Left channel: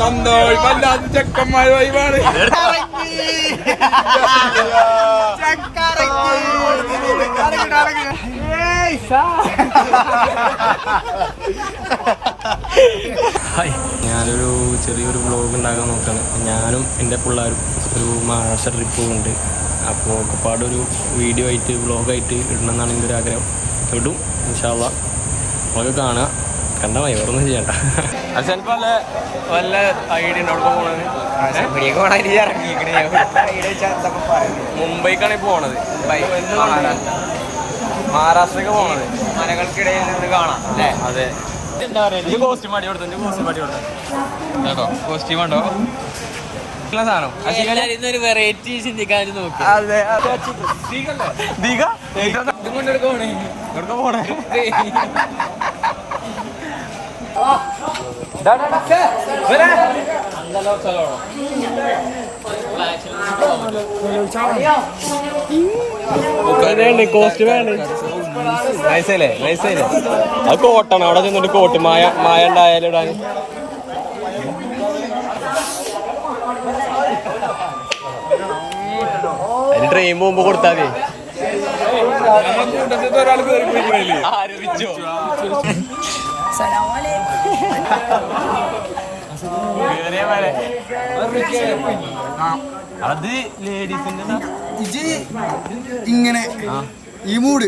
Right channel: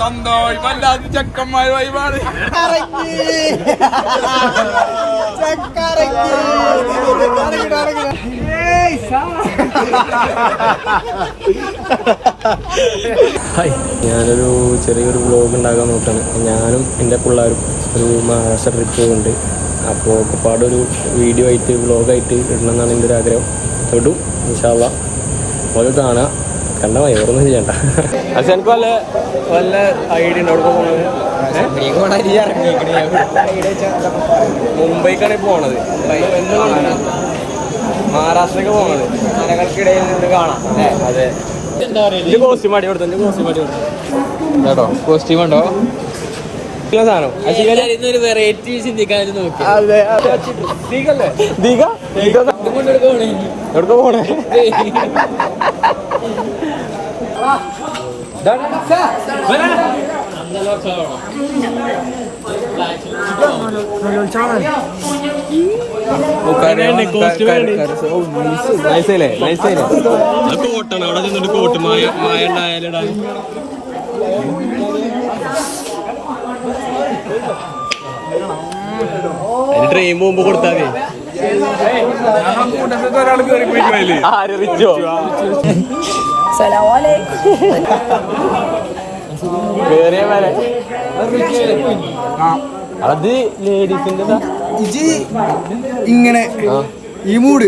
സന്തോഷം വല്ലാത്ത ചെക്കന്മാർ വൈബാണ്. ഹായ്, ഞാനൊരു ചെറിയൊരു വ്ളോഗ് ഉണ്ടാക്കാൻ നോക്കുകയാണ്. ഞാനും എൻ്റെ പിള്ളേരും ഒരു മഹാരാഷ്ട്ര ട്രിപ്പ് പോകുന്നുണ്ട്. അപ്പോൾ ഒക്കെപ്പാടൊരു വീഡിയോ ആയിട്ട് വ്ളോഗായിട്ട് ഇടണം എന്നാണ് എൻ്റെ ഒരു ആഗ്രഹം. ഇടും ഇൻഷാ അല്ലാഹ്. വ്ളോഗ് കാണാം, കണ്ട വേറൊന്നും ചെയ്യണ്ട. പക്ഷെ എനിക്ക് വല്ല വല്ല ഐഡിയ ഉണ്ട് അവിടെ പോകുന്നത്. മുംബൈക്കാണ് ഇപ്പോൾ പോണത്. മഹാരാഷ്ട്രക്ക് പോണത്. മലകൾക്കിടയിൽ നിന്ന് കാണാം. അതെ, എൻ്റെ കോസ്റ്റ്യൂം അടി കൊടുത്തു. എൻ്റെ കോസ്റ്റ്യൂം അടി കൊടുത്തു കേട്ടോ. കോസ്റ്റ്യൂം ഉണ്ടോ സാധനം? ഒരു വെറൈറ്റി ചിന്തിക്കാൻ നോക്കി. അതെ, എവിടെ പോണേ? നൈസല്ലേ, നൈസല്ലേ. അത് കോട്ടാണ്. അവിടെ ചെന്നിട്ട് കോട്ട് മായ ഉണ്ടായാലും ഇടാൻ. അതിന് ട്രെയിൻ പോകുമ്പോ കൊടുത്താൽ മതി. അത് ലേഡീസിന്റെ ഇങ്ങനെ ഈ മൂട്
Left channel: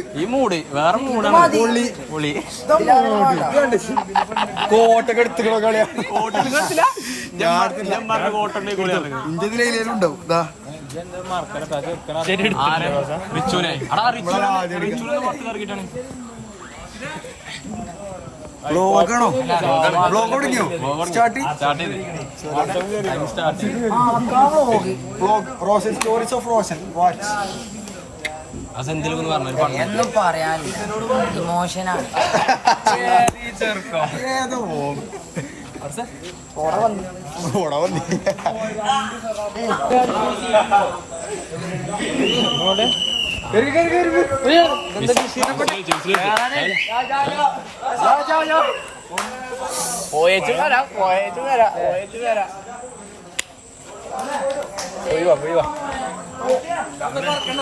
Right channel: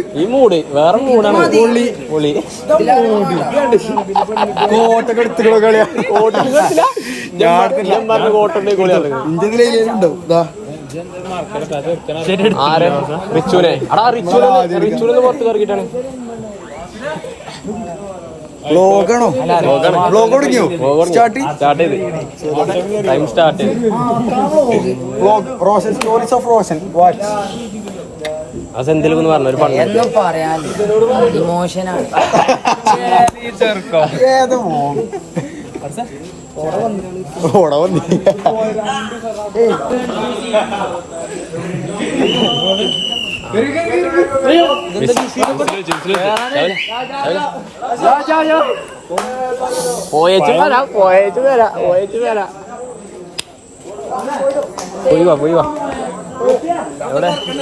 വേറെ മൂടാണ്. പൊളി പൊളി കോട്ടൊക്കെ എടുത്തിട്ടോ കളിയാ. ഇന്ത്യയിലുണ്ടാവും. റിച്ചുനെ പുറത്ത് കറക്കിട്ടാണ്. വ്ളോഗാണോ? വ്ളോഗ് തുടങ്ങിയോ? സ്റ്റാർട്ട് ചെയ്ത് ടൈം സ്റ്റാർട്ട് ചെയ്ത് vlog Roshan stories of Roshan watch. അതെന്തെങ്കിലും പറഞ്ഞൊരു ഒന്നും പറയാനില്ല, ഇമോഷനാണ്.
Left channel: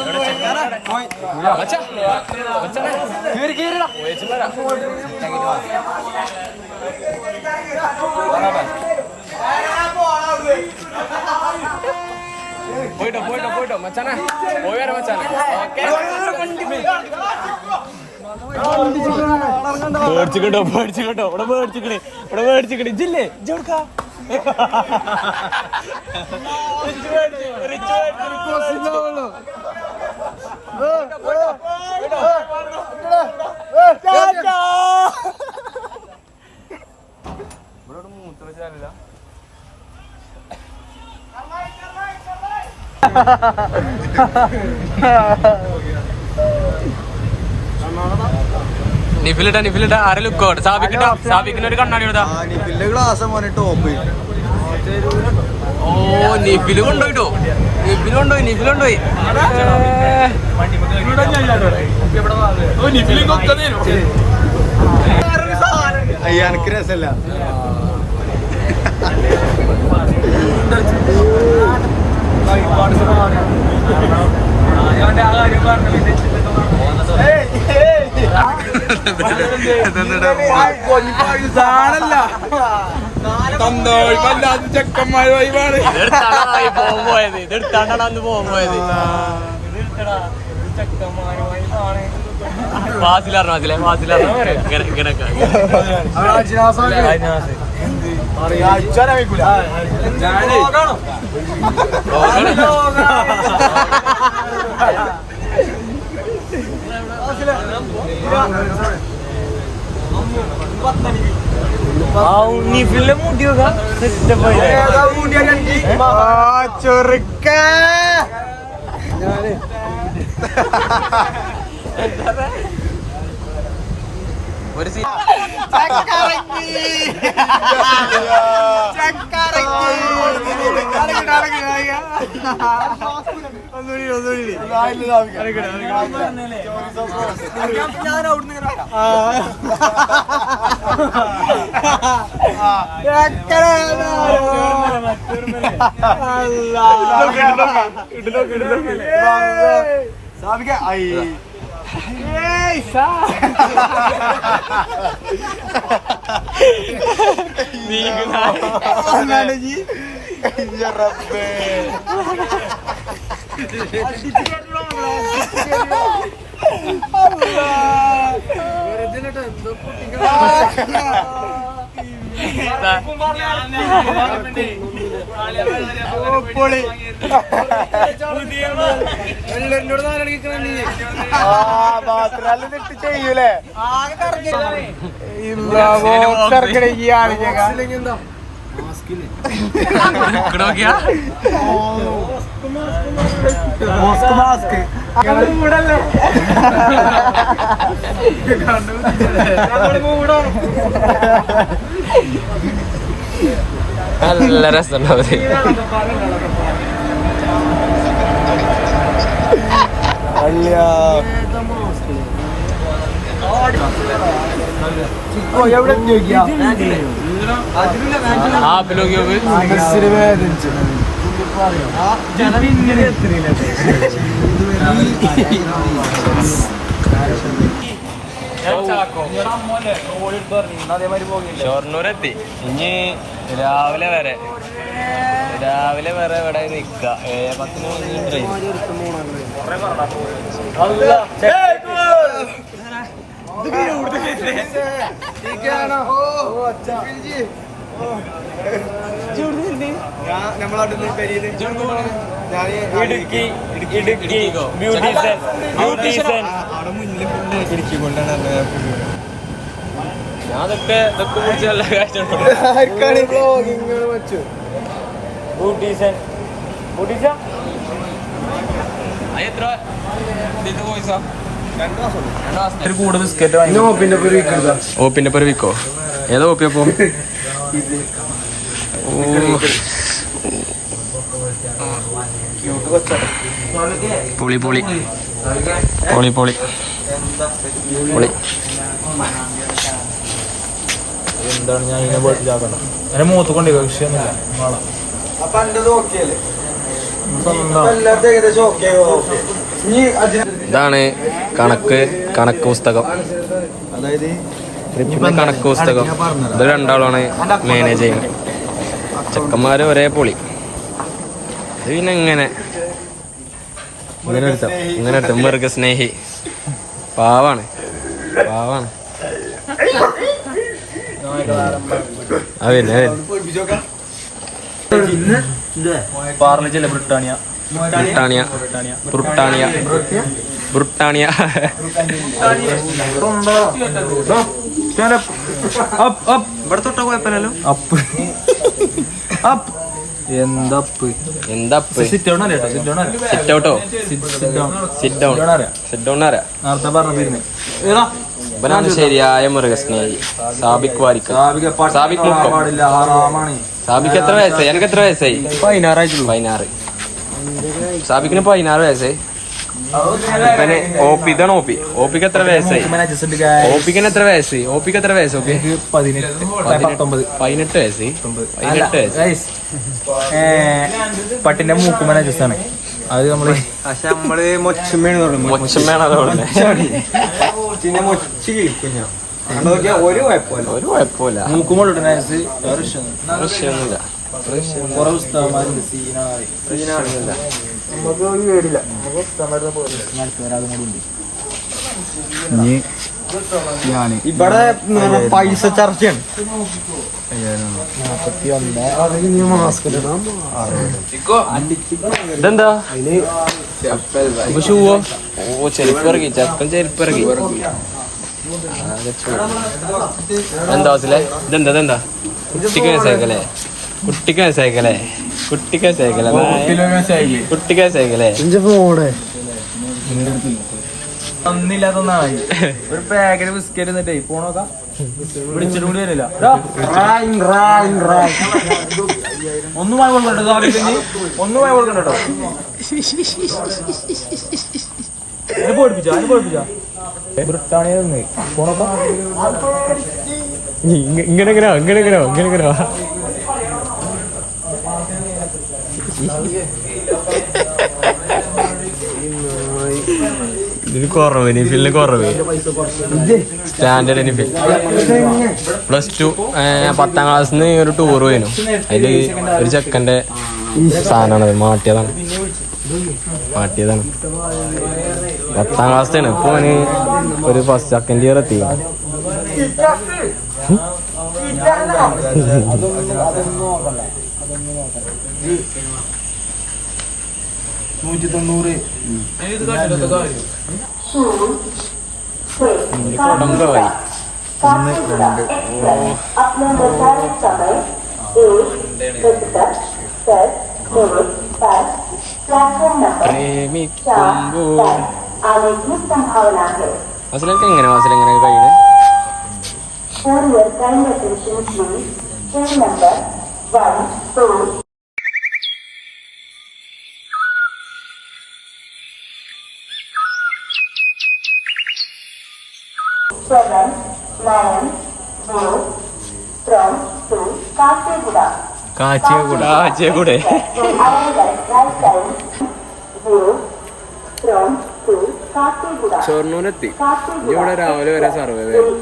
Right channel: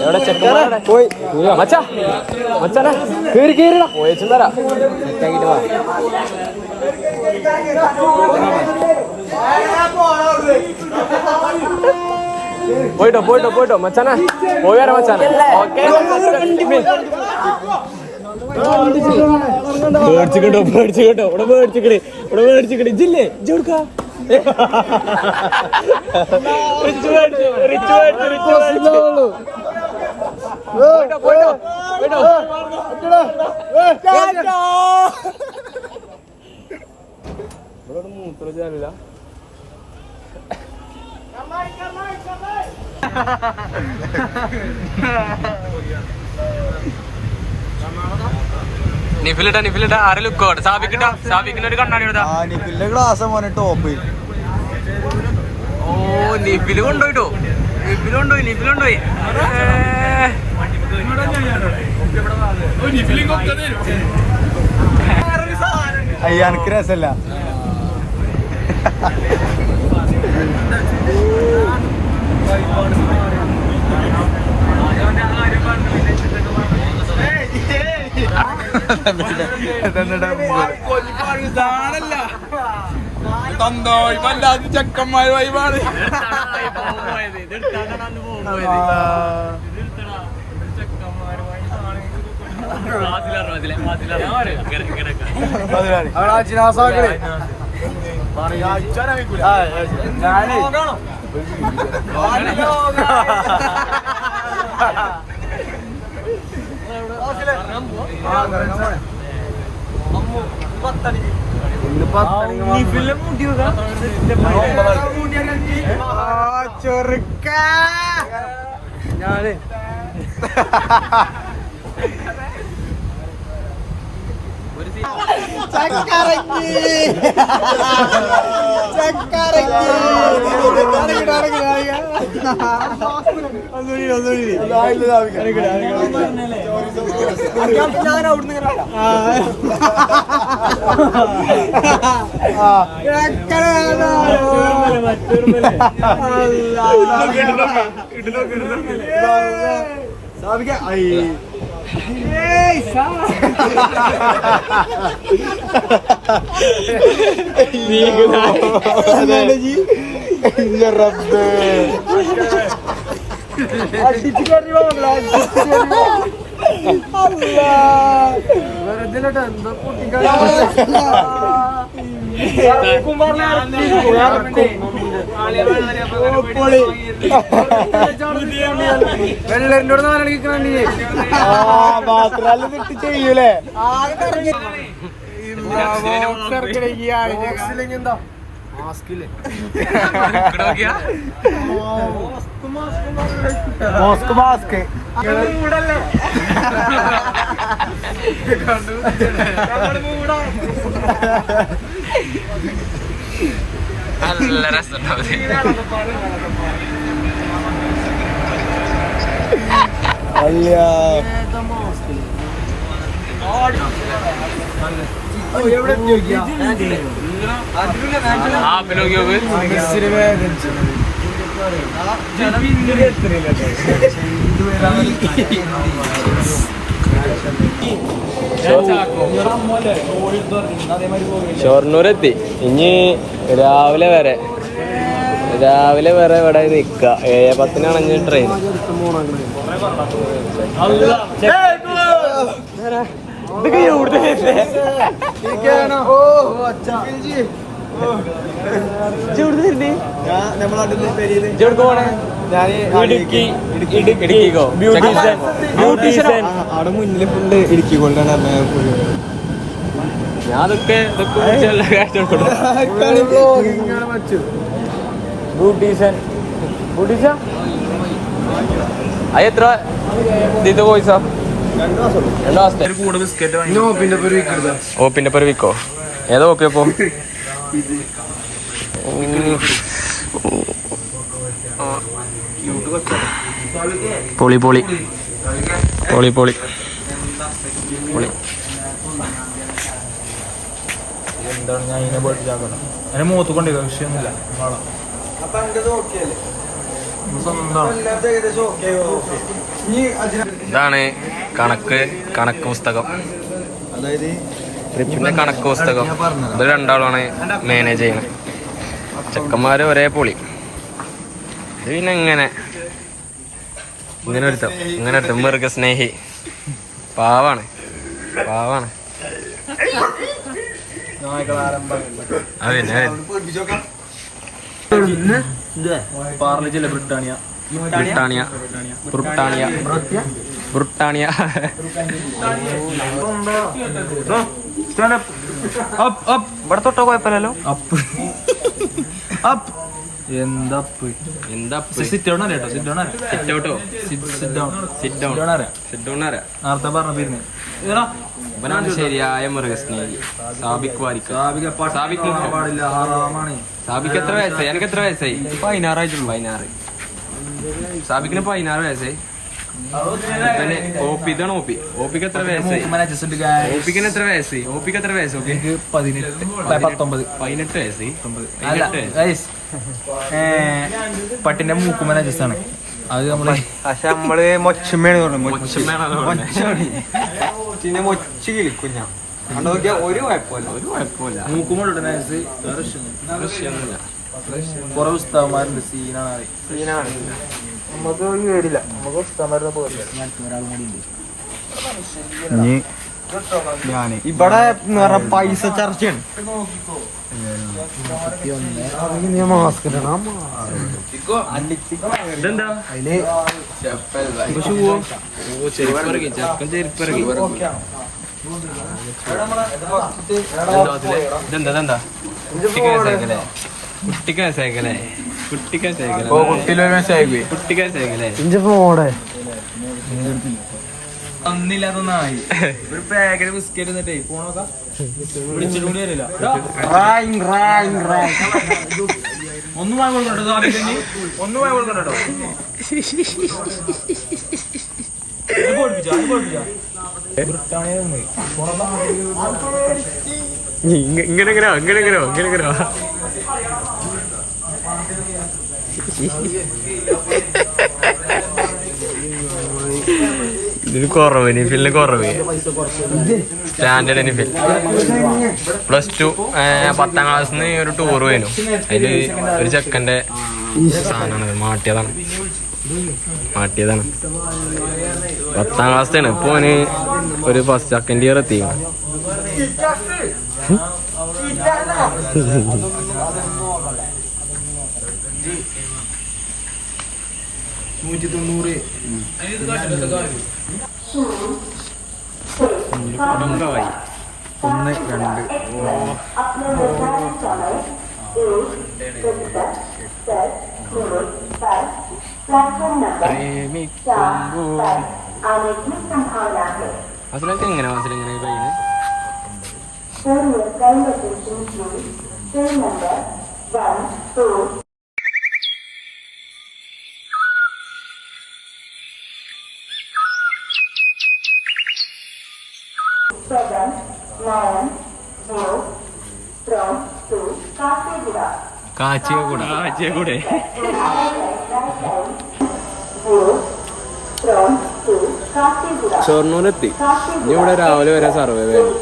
എവിടെ ചെക്കാണ് പോയി മച്ചാ മച്ചാ കേറി കേറിടാ പോയേച്ചു തരാം. പോയിട്ടോ പോയിട്ടോ പോയിട്ടോ മച്ചാനെ പോയാടാ മച്ചാനെ. പേടിച്ചിട്ടോ പേടിച്ചിട്ടോ ഇവിടെ പേടിച്ചിക്കണേ ഇവിടെ പേടിച്ചിക്കണേ. ഇജില്ലേ ഇജ് കൊടുക്കാ ഇവിടെ മൂത്ര ചാലില്ല. നിഫിലിട്ടാ നിഫിലിട്ടാ ആരെ ലുക്കോട്ടെ. സാബിക്കിട്ടാ സാബിക്കിന് ഒരു കണ്ണാടി എടുത്താ. ഓ നിഫില് കൊണ്ടുപോയിട്ടോ. നിഫില് കൊണ്ടുപോയി നിഫില് കൊണ്ടുപോയി. സന്തോഷം വല്ലാത്ത ചെക്കന്മാർ വൈബാണ്. ചൊറുക്ക ഒരു ഞാൻ ചെയ്യൂലേ നല്ല രസമുണ്ടാവും. ഷൊർണൂരെത്തി. ഇനി രാവിലെ വരെ ഇവിടെ നിക്ക. 7:10 ട്രെയിൻ. ഞാൻ അതൊക്കെ നല്ല കാഴ്ച. എത്ര ഇത് പോയിസോ? ഓപ്പിന്റെ പേര് വിക്കോ. ഏതാ ഓപ്പി അപ്പോ? പൊളി പൊളി പൊളി പൊളി പൊളി. എന്താണ് ഞാൻ ഇതിനെ പോയിട്ട് ചാക്കണ്ട. അതിനെ മൂത്ത് കൊണ്ടേ വിഷയമൊന്നുമില്ല. നാളെ ഇതാണ് കണക്ക് പുസ്തകം. അതായത് ട്രിപ്പിന്റെ കണക്ക് പുസ്തകം. ഇത് രണ്ടാളാണ് മാനേജ് ചെയ്യുന്നത്. ചെക്കന്മാര് ഒരേ പൊളി. ഇത് പിന്നെ ഇങ്ങനെ ഒരുത്തം മൃഗസ്നേഹി. പാവാണ്. അതല്ലേ ബ്രിട്ടാനിയ ഇവനാണ് ശരിയായ മൃഗസ്നേഹി. സാബിക് വാരിക്കൽ. സാബിക്ക് എത്ര വയസ്സായി? എനിക്ക് എത്ര വയസ്സായി? 16. സാബിക്കിന് 16 വയസ്സായി. ഇപ്പനെ ഇതാണ് ഓപ്പിക്ക് എത്ര വയസ്സായി? ഓപ്പിക്ക് എത്ര വയസ്സ്? 18 വയസ്സ്. പട്ടിന്റെ മൂക്കുമന ജസ്സാണ് അത്. നമ്മള് ഒരു കുഴപ്പമില്ല. മൂക്കുമൊന്നുമില്ല. കുറെ ഉസ്താദന്മാരുണ്ട്. സീനാണ്. ഇവിടെ പൈസ ചർച്ചയാണ്. ഇതെന്താ ഷൂവോ? ചെരുപ്പിറങ്ങി. ചക്കൻ ചെരുപ്പിറങ്ങി. ഇതെന്താ കുട്ടിക്ക് സൈക്കിളേ? തന്നില്ലാതൊന്നായി. ഒരു പാക്കറ്റ് ബിസ്ക്കറ്റ് എന്നിട്ടേ പോണോക്ക വിളിച്ചിട്ട് കൂടി വരില്ല. ഒന്നും വാങ്ങി കൊടുക്കണ്ടോ? ഒന്നും വാങ്ങി കൊടുക്കണ്ടോ? ഇങ്ങനെ ഇതിന് കുറവ് നിഫിലിന് കുറവ് സ്റ്റാൻഡേർഡ് നിഫിൽ +2 10ാം ക്ലാസ്സിന്ന് ഒരു ടൂർ പോയിരുന്നു. അതില് ഒരു ചെക്കൻ്റെ സാധനമാണത്. മാട്ടിയതാണ് 10ാം ക്ലാസ്സിലാണ്. ഇപ്പൊ അവന് ഒരു ഫസ്റ്റ് സെക്കൻഡ് ഇയർ എത്തിക്കണം. കൊടംകായി 1 2 പ്രേമിക്കുമ്പോൾ അസലൊക്കെ എങ്ങനെ അസലെങ്ങനെ കഴിയണേ? കാച്ചിയകൂടെ ഷൊർണൂരെത്തി. ഇനി ഇവിടെ രാവിലെ വരെ സർവേ വേണം.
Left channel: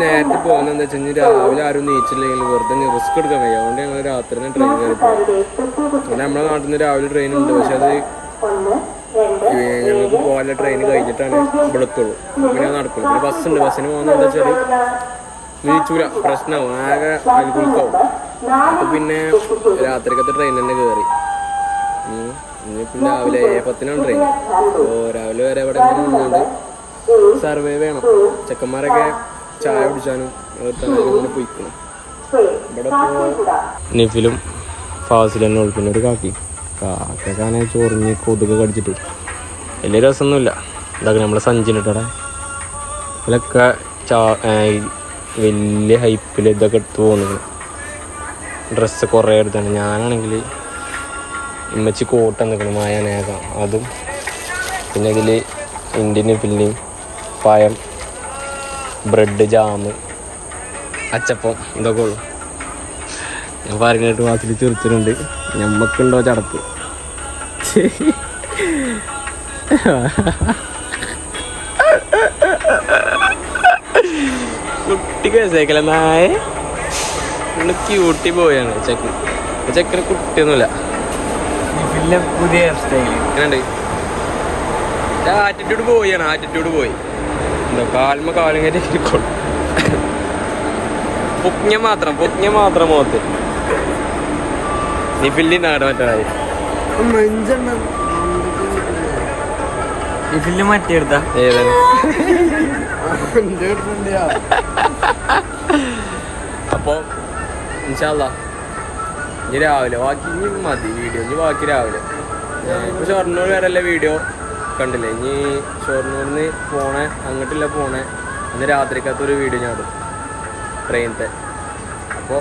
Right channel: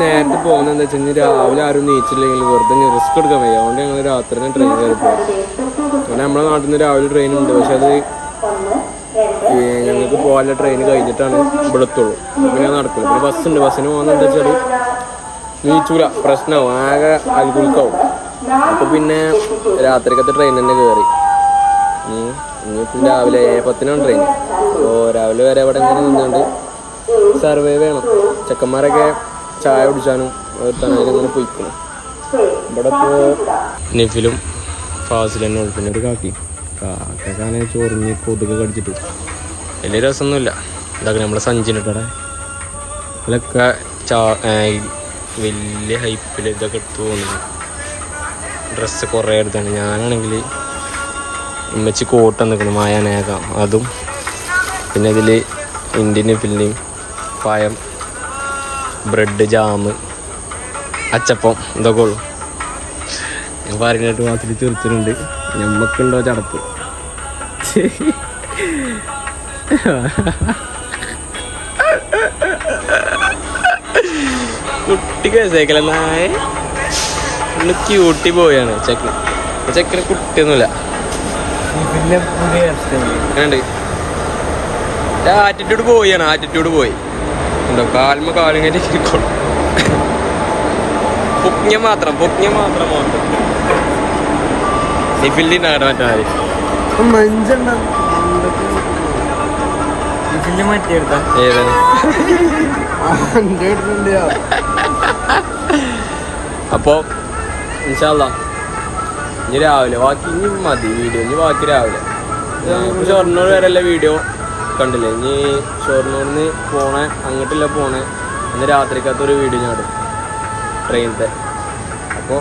നേരത്തെ പോകുന്നത് എന്താ വെച്ചാൽ രാവിലെ ആരും നീച്ചില്ലെങ്കിൽ വെറുതെ റിസ്ക് എടുക്കാൻ വയ്യ. അതുകൊണ്ട് ഞങ്ങൾ രാത്രി തന്നെ ട്രെയിൻ കയറി പോകും. അതുകൊണ്ട് നമ്മുടെ നാട്ടിൽ നിന്ന് രാവിലെ ട്രെയിൻ ഉണ്ട്. പക്ഷെ അത് ഞങ്ങൾക്ക് പോകാനുള്ള ട്രെയിൻ കഴിഞ്ഞിട്ടാണ് ഇവിടെ എത്തുള്ളൂ. പിന്നെ നടക്കില്ല. പിന്നെ ബസ്സുണ്ട്. ബസ്സിന് പോകുന്നത് വെച്ചാൽ നീച്ചൂല, പ്രശ്നമാവും, ആകെ അൽഗുൽക്കാവും. അപ്പൊ പിന്നെ രാത്രിക്കത്തെ ട്രെയിൻ തന്നെ കയറി. ഇനിയിപ്പം രാവിലെ 10 ട്രെയിൻ. അപ്പോൾ രാവിലെ വരെ അവിടെ ഇങ്ങനെ നിന്നുകൊണ്ട് സർവേ വേണം. ചെക്കന്മാരൊക്കെ ചായ കുടിച്ചാനും ഇങ്ങനെ പൊയ്ക്കണം. ഇവിടെ ഇപ്പോൾ നിഫിലും ഫാസിലും തന്നെ ഉള്ളു. പിന്നെ ഒരു കാക്കക്കാനെ ചൊറിഞ്ഞ് കൊതുക് കടിച്ചിട്ട് വലിയ രസമൊന്നുമില്ല. ഇതാക്കി നമ്മളെ സഞ്ചിനിട്ടടെ ഇതിലൊക്കെ വലിയ ഹൈപ്പിൽ ഇതൊക്കെ തോന്നുന്നു. ഡ്രസ്സ് കുറേ എടുത്താണ്. ഞാനാണെങ്കിൽ ഇമ്മച്ചി കോട്ട് നിൽക്കണം മായാനേക്കാം അതും. പിന്നെ ഇതിൽ ഇന്ത്യൻ ഫില്ലിയും പഴം, ബ്രെഡ്, ജാമ്, അച്ചപ്പം ഇതൊക്കെ ഉള്ളു. ഞാൻ പറഞ്ഞിട്ട് വാസിൽ ചെറുത്തുന്നുണ്ട്. ഞമ്മക്കുണ്ടോ ചടപ്പ്? കുട്ടിക്ക് വയസ്സേക്കല നായ ഫുള്ള് ക്യൂട്ടി പോയാണ്. ചെക്കന് കുട്ടിയൊന്നുമില്ല. എങ്ങനെയുണ്ട്? ആറ്റിറ്റ്യൂഡ് പോയാണ്. ആറ്റിറ്റ്യൂഡ് പോയി. എന്തോ കാലും കയറ്റി ഇരിക്കോളൂ. പൊക്കിഞ്ഞ മാത്രം പോകട്ടെ. നിഫിലിൻ്റെ ആടെ മറ്റേ ഏതാണ്? അപ്പോൾ ഇൻഷാ അല്ലാഹ് ഇനി രാവിലെ ബാക്കി ഇനി മതി വീഡിയോ. ഇനി ബാക്കി രാവിലെ ഇപ്പോൾ ഷൊർണൂർ വരെയല്ലേ വീഡിയോ കണ്ടില്ലേ. ഇനി ഷൊർണൂരിന്ന് അങ്ങോട്ടില്ല പോണേ അന്ന് രാത്രിക്കകത്തൊരു വീഡിയോ ഞാൻ ഇടും ട്രെയിനത്തെ. അപ്പോൾ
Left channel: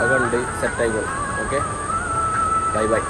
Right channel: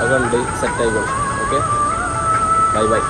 അത് കണ്ട് സെറ്റായിക്കോളും. Okay, by.